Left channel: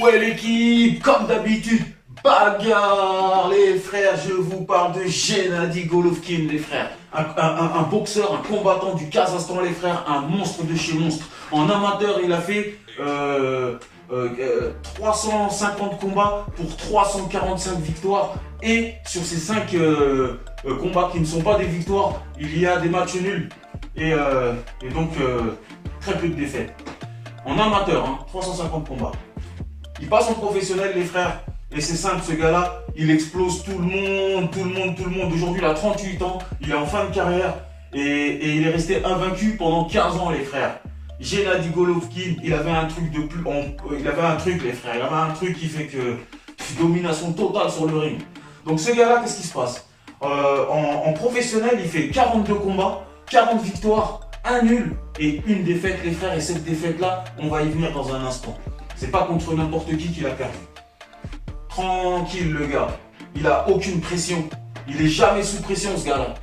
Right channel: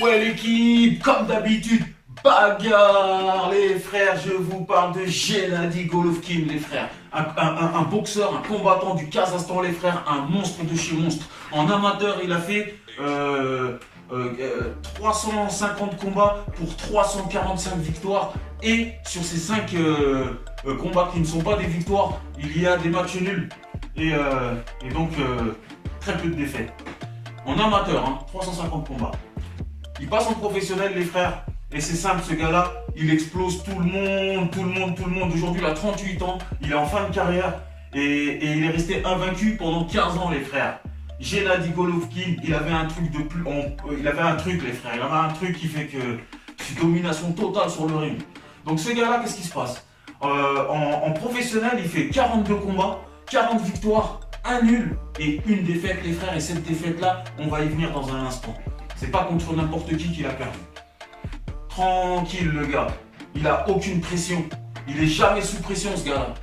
Ouais l'équipe, comme d'habitude, bagarre les frères, je vous parle de Gennady Golovkin les frères. Un boxeur, un combattant du Kazakhstan les frères, un monstre de chez monstre. En amateur, il a fait 350 combats pour 345 victoires. Et sur ces 5 combats qui ne sont pas des victoires, il y a des matchs nuls. Et donc très peu de défaites. En amateur, 350 combats. Il passe en professionnel, les frères. Et c'est simple, ce gars-là, il explose tout le monde. Aujourd'hui, il a 38 ans, il est en fin de carrière. Et il est resté invaincu pendant 15 ans, les frères. Gennady Golovkin, il avait un truc de plus. Il avait un truc, les frères. Il avait un truc qui fait que. Domination totale sur le ring. Donc, ce gars-là, qu'est-ce qui se passe en professionnel, il fait 42 combats, 40 victoires, un nul et une défaite, les frères. Et cette défaite-là, on va y venir dans un instant. C'est pas contre n'importe qui qu'il a perdu. Tranquille le gars. Il a aucune pression. Il est jamais sous pression ce gars-là.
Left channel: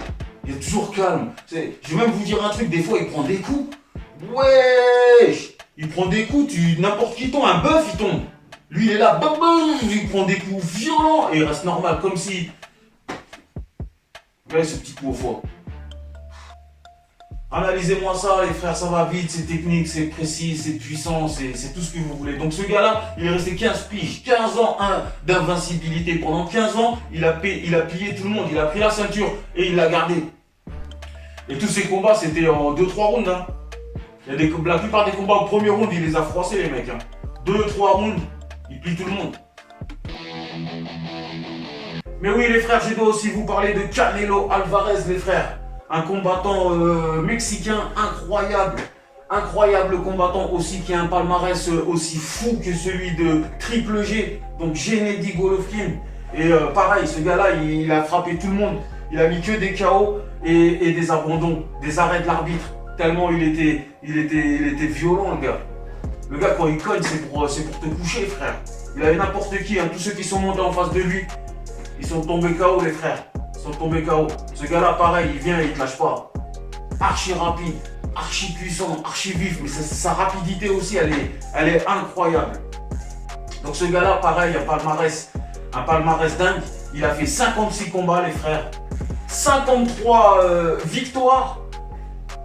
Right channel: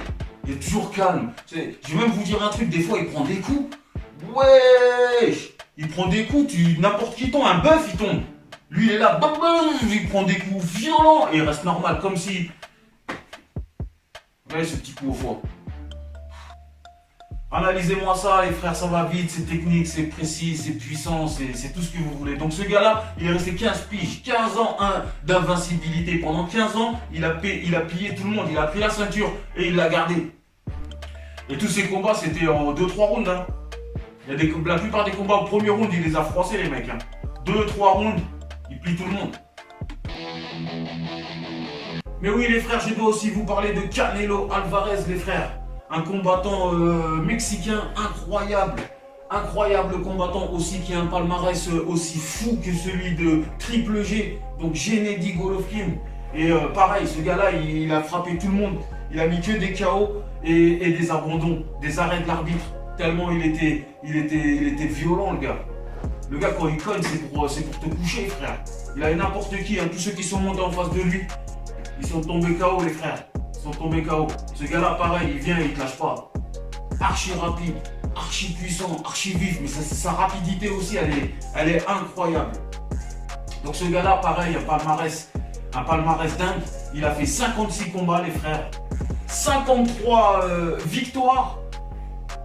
Il est toujours calme. Je vais même vous dire un truc, des fois il prend des coups. Wesh. Il prend des coups, n'importe qui tombe, un bœuf il tombe. Lui il est là, bam, bam, il prend des coups violents et il reste normal, comme si... Regardez ce petit coup au foie. Analysez-moi ça, les frères, ça va vite, c'est technique, c'est précis, c'est puissant, c'est tout ce que vous voulez. Donc ce gars-là, il est resté 15 piges, 15 ans d'invincibilité. Pendant 15 ans, il a plié tout le monde, il a pris la ceinture et il l'a gardé. Et tous ces combats, c'était en 2-3 rounds. La plupart des combats au premier round, il les a froissés, les mecs. 2-3 rounds, il plie tout le monde. Mais oui, les frères, je dois aussi vous parler de Canelo Alvarez, les frères. Un combattant mexicain incroyable. Incroyable combattant aussi qui a un palmarès aussi fou que celui de Triple G. Donc Gennady Golovkin. Et pareil, ce gars-là, il a frappé tout le monde. Il a mis que des KO et des abandons, des arrêts de l'arbitre. Tellement il était violent, le gars. Le gars, quand il cogne, c'est pour te coucher, frère. Il avait n'importe qui. Tous ceux qui sont montés en face de lui, ils sont tombés KO, les frères. Ils sont tombés KO. Ce gars-là, pareil, il vient et il te lâche pas. Archi rapide, archi puissant, archi vif. Mais sa rapidité aussi, elle est incroyable. Donc ce gars-là, pareil, un palmarès dingue. Il a fait 56 combats, les frères. 53 victoires.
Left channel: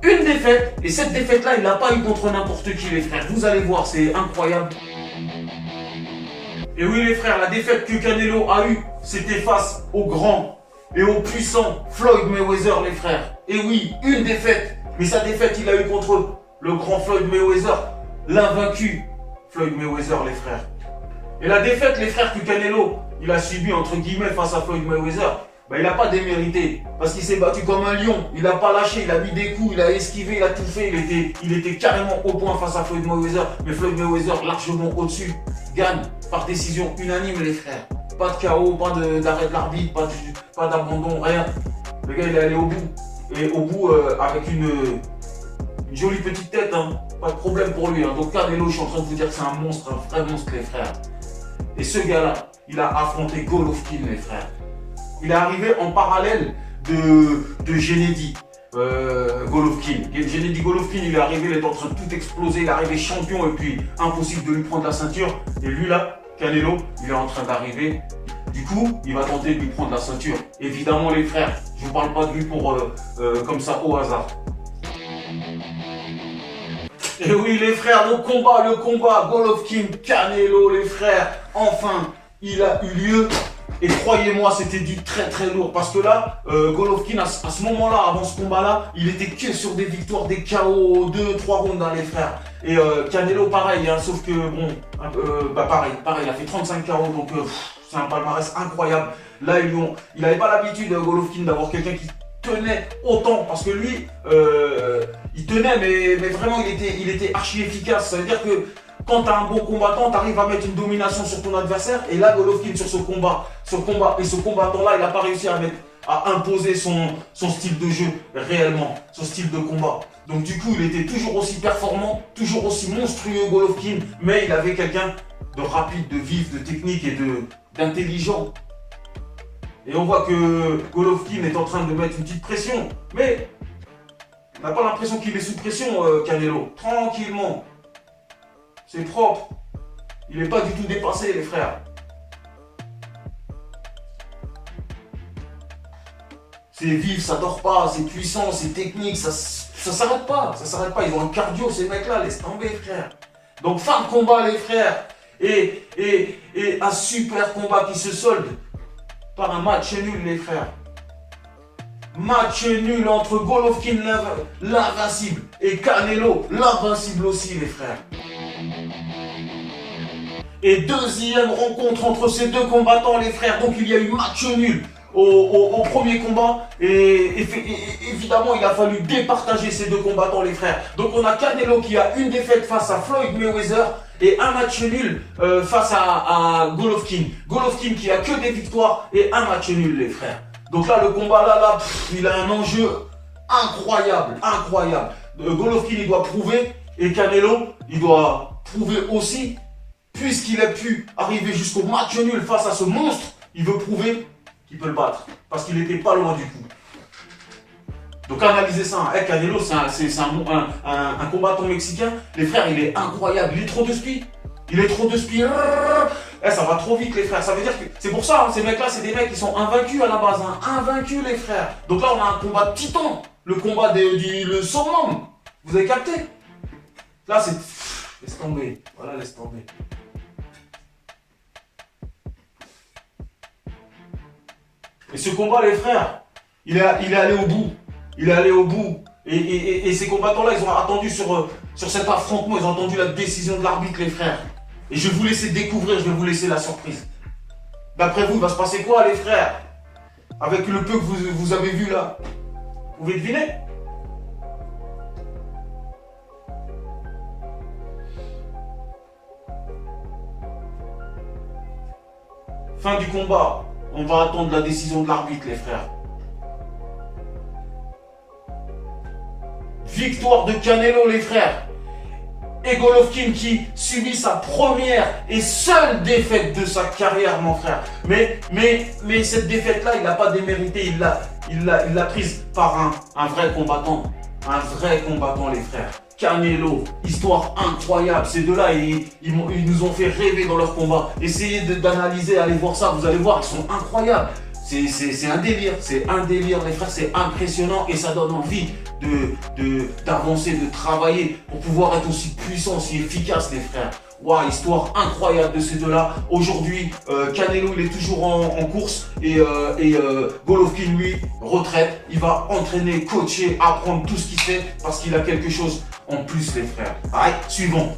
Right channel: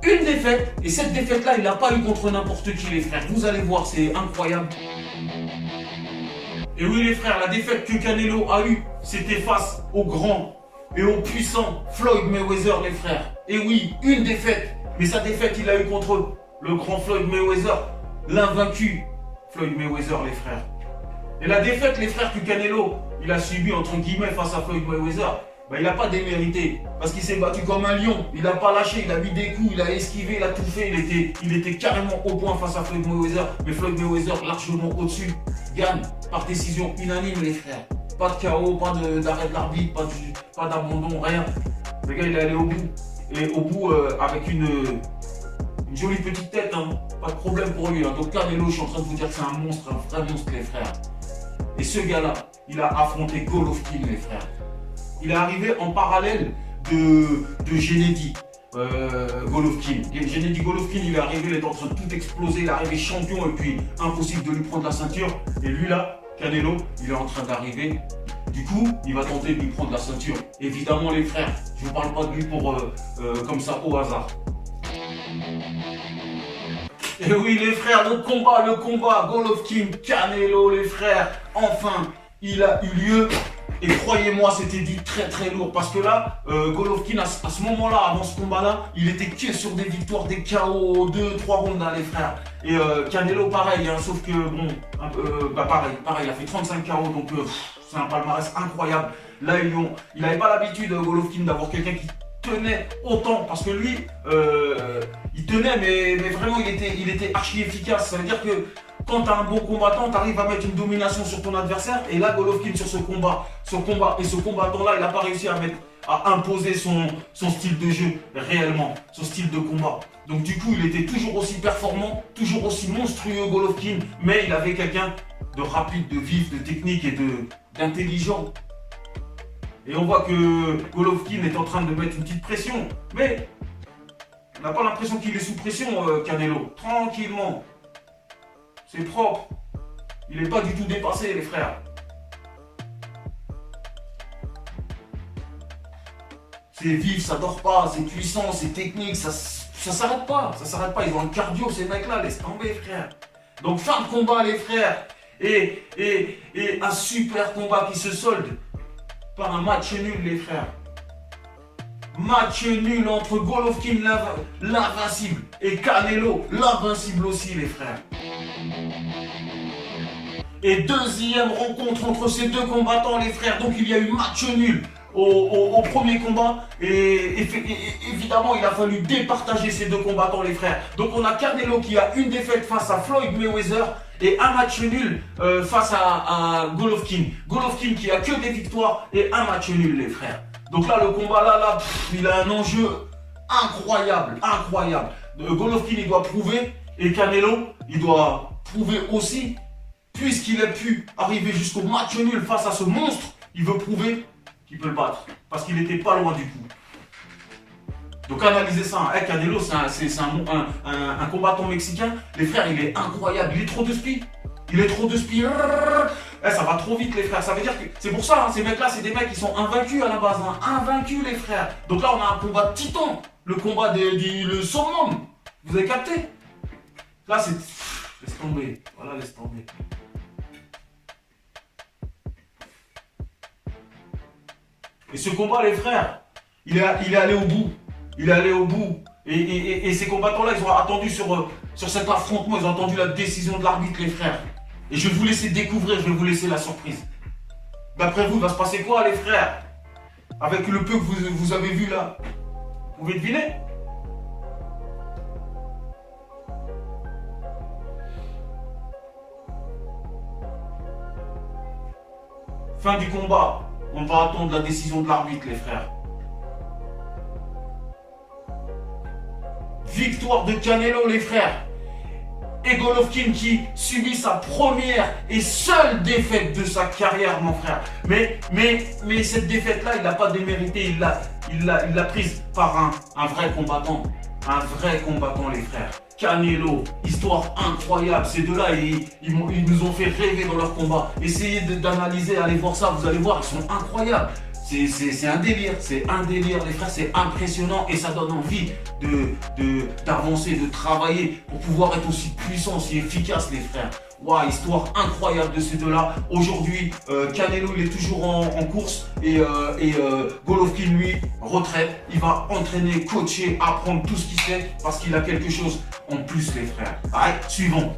Une défaite. Et cette défaite-là, il l'a pas eu contre n'importe qui, les frères. Vous allez voir, c'est incroyable. Et oui, les frères, la défaite que Canelo a eue, c'était face au grand et au puissant Floyd Mayweather, les frères. Et oui, une défaite. Mais sa défaite, il l'a eu contre le grand Floyd Mayweather, l'invaincu Floyd Mayweather, les frères. Et la défaite, les frères, que Canelo, il a subi entre guillemets face à Floyd Mayweather, il n'a pas démérité. Parce qu'il s'est battu comme un lion. Il n'a pas lâché, il a mis des coups, il a esquivé, il a tout fait. Il était carrément au point face à Floyd Mayweather. Mais Floyd Mayweather, largement au-dessus, gagne par décision unanime, les frères. Pas de KO, pas d'arrêt de l'arbitre, pas d'abandon, rien. Le gars, il est allé au bout. Et au bout, avec une jolie petite tête, pas de problème pour lui. Donc Canelo, je suis en train de vous dire que c'est un monstre, un vrai monstre, les frères. Et ce gars-là, il a affronté Golovkin, les frères. Il est arrivé en parallèle de Gennady Golovkin. Gennady Golovkin, il est arrivé, il est en train de tout exploser, il est arrivé champion et puis impossible de lui prendre la ceinture. Et lui là, Canelo, il est en train d'arriver. Du coup, il va tenter de lui prendre la ceinture. Évidemment, les frères, je vous parle pas de lui pour comme ça au hasard. Et oui, les frères, le combat, Golovkin, Canelo, les frères, enfin, il a eu lieu. Et croyez-moi, c'était du très très lourd. Parce que là, Golovkin, à ce moment-là, avant ce combat-là, il était que sur des victoires, des KO, 2-3 rounds, les frères. Et Canelo, pareil, sauf que, bon, pareil, il a fait 35 KO, donc c'est un palmarès incroyable. Là, il n'avait pas l'habitude, Golovkin, d'avoir quelqu'un qui tenait autant. Parce que lui, il tenait, mais vraiment, il était archi efficace. Ça veut dire que quand tu as un bon combattant, tu arrives à mettre une domination sur ton adversaire. Et là, Golovkin, sur ce combat et ce combattant-là, il n'a pas réussi à imposer son style de jeu réellement, son style de combat. Donc du coup, il était toujours aussi performant, toujours aussi monstrueux, Golovkin. Mais il avait quelqu'un de rapide, de vif, de technique et d'intelligent. Et on voit que Golovkin est en train de mettre une petite pression. Mais on n'a pas l'impression qu'il est sous pression, Canelo. Tranquillement. C'est propre. Il n'est pas du tout dépassé, les frères. C'est vif, ça dort pas, c'est puissant, c'est technique, ça s'arrête pas. Ça s'arrête pas. Ils ont un cardio, ces mecs-là, laisse tomber, frère. Donc, fin de combat, les frères. Et un super combat qui se solde par un match nul, les frères. Match nul entre Golovkin, l'invincible, et Canelo, l'invincible aussi, les frères. Et deuxième rencontre entre ces deux combattants, les frères. Donc il y a eu match nul au premier combat. Et évidemment, il a fallu départager ces deux combattants, les frères. Donc on a Canelo qui a une défaite face à Floyd Mayweather et un match nul face à Golovkin. Golovkin qui a que des victoires et un match nul, les frères. Donc là, le combat, là, il a un enjeu incroyable, incroyable. Golovkin, il doit prouver, et Canelo, il doit prouver aussi, puisqu'il a pu arriver jusqu'au match nul face à ce monstre, il veut prouver qu'il peut le battre, parce qu'il n'était pas loin du coup. Donc analysez ça, hein. Canelo, c'est un combattant mexicain, les frères, il est incroyable, il est trop de spi. Il est trop de spi. Ça va trop vite, les frères. Ça veut dire que c'est pour ça, hein, ces mecs-là, c'est des mecs qui sont invaincus à la base. Hein. Invaincus, les frères. Donc là, on a un combat de titan. Le combat le summum. Vous avez capté? Là, c'est... Laisse tomber. Voilà, laisse tomber. Et ce combat, les frères, il est allé au bout. Il est allé au bout. Et ces combattants-là, ils ont attendu sur cet affrontement, ils ont attendu la décision de l'arbitre, les frères. Et je vais vous laisser découvrir, je vais vous laisser la surprise. D'après vous, il va se passer quoi, les frères? Avec le peu que vous avez vu là. Vous pouvez deviner? Fin du combat. On va attendre la décision de l'arbitre, les frères. Victoire de Canelo, les frères. Et Golovkin qui subit sa première et seule défaite de sa carrière, mon frère. Mais cette défaite-là, il n'a pas démérité. Il l'a prise par un vrai combattant. Un vrai combattant, les frères. Canelo, histoire incroyable. Ces deux-là, ils nous ont fait rêver dans leur combat. Essayez d'analyser, allez voir ça. Vous allez voir, ils sont incroyables. C'est un délire, les frères, c'est impressionnant et ça donne envie d'avancer, de travailler pour pouvoir être aussi puissant, aussi efficace, les frères. Waouh, histoire incroyable de ces deux-là. Aujourd'hui, Canelo, il est toujours en course et Golovkin, lui, retraite. Il va entraîner, coacher, apprendre tout ce qu'il sait parce qu'il a quelque chose en plus, les frères. Allez, suivant.